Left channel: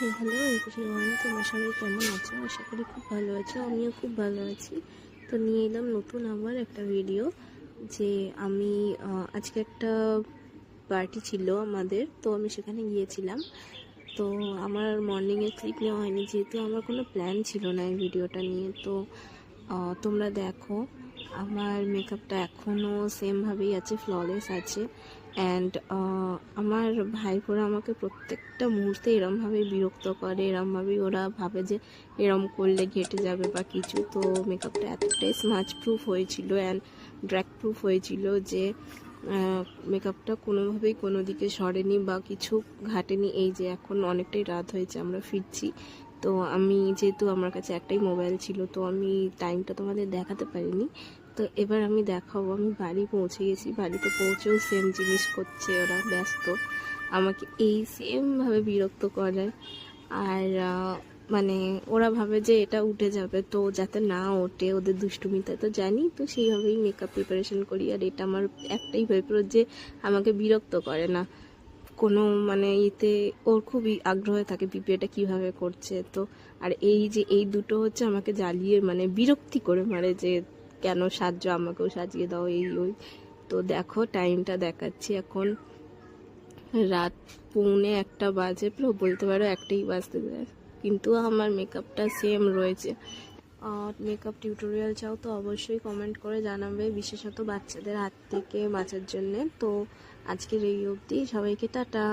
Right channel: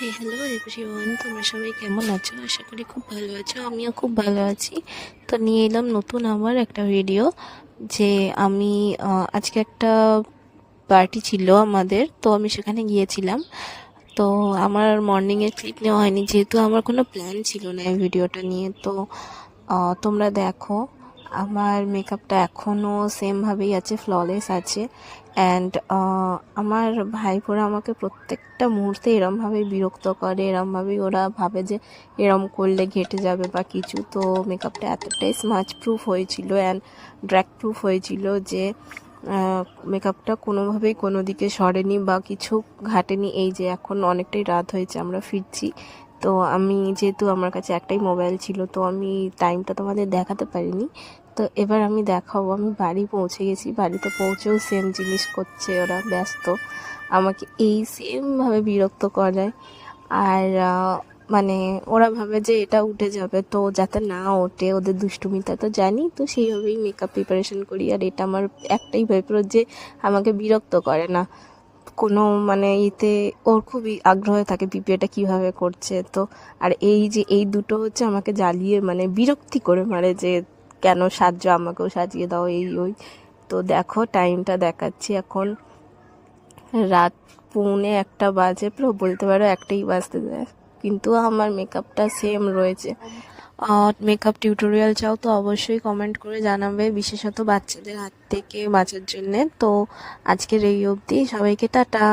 হে hello everyone, তোমরা সবাই কেমন আছো? আশা করি খুব ভালো আছো। আমিও খুব ভালো আছি। তো নিয়ে এলাম নতুন আবার একটা ভিডিও। যে আমি আজকে একটা পার্টি ছিল আমাদের, তো আমি সেখানে গিয়েছিলাম। তো আমার মর্নিংয়ে ক্লিপ নেওয়া হয়নি, যেহেতু আমার কোনো প্ল্যান ছিল না এই ভিডিওটা নিয়ে। তো তোমরা দেখো, আমার মেকআপটা এখনও সেমভাবেই আছে, ফ্ললেস আছে। অ্যান্ড আমার ভাইপোরা আমাকে প্রত্যেকটা মুহূর্তে এরমভাবেই বিরক্ত করে, এরমভাবেই ওরা ভাবে যে এরম করলে ঘেটে যাবে বা কিছু। তো মেকআপটা এতটাই স্মাচ প্রুফ হয়েছিল অ্যান্ড ড্র্যাগ প্রুফ হয়েছিল যে মেকআপটা কোনোভাবেই কোনো দিকে সরেনি বা কিছু ঘাটেনি। এই যে এখন অনেকটাই রাত হয়েছে, আমরা ফিরছি। তো আমি যেহেতু আমার কাছে একটাই মোবাইল ছিল, তো আমি টাইমটা তোমাদের দেখাতে পারিনি। তো এবার আমি দেখাবো। আমি বাড়ি পৌঁছে গেছি, বাড়িতে পৌঁছেও সেম জিনিস করছে ওরা, ব্যস্ত, আমাকে এই সেমভাবে বিরক্ত করে। আর মানে ওরা ভাবে যে এটা উঠে যাবে, তো যাতে না ওঠে ওদের দুষ্টুমিটা তো জানি, তো সেইভাবেই মেকআপ প্রিপারেশন করি। আর এটা আমার একটাই ভেবে যে আমাকে বিরক্ত করে না কোনো, মানে এতে ওর খুবই আগ্রহ থাকে পিপিএটা কিভাবে করছে। তো আর এই যে এই দুটো হচ্ছে আমাকে জ্বালিয়ে মানে বিরক্তি করে মারে যে কেন সাজছো, আমাকেও সাজিয়ে দাও, এই ওই। তো দেখো টাইমটা দেখাচ্ছি, এখন রাত 1:45 বাজে, পুরো বলতে পারো একটাই বাজতে যায়, কিন্তু আমার মেকআপটা সেম রয়েছে। মেকআপ টিউটোরিয়াল চাও তো অবশ্যই কমেন্ট করে জানাবে, বিশেষত বাচ্চাদের হাত থেকে বাঁচার জন্যে। তো আজকের এই অবধি, সবাইকে টাটা।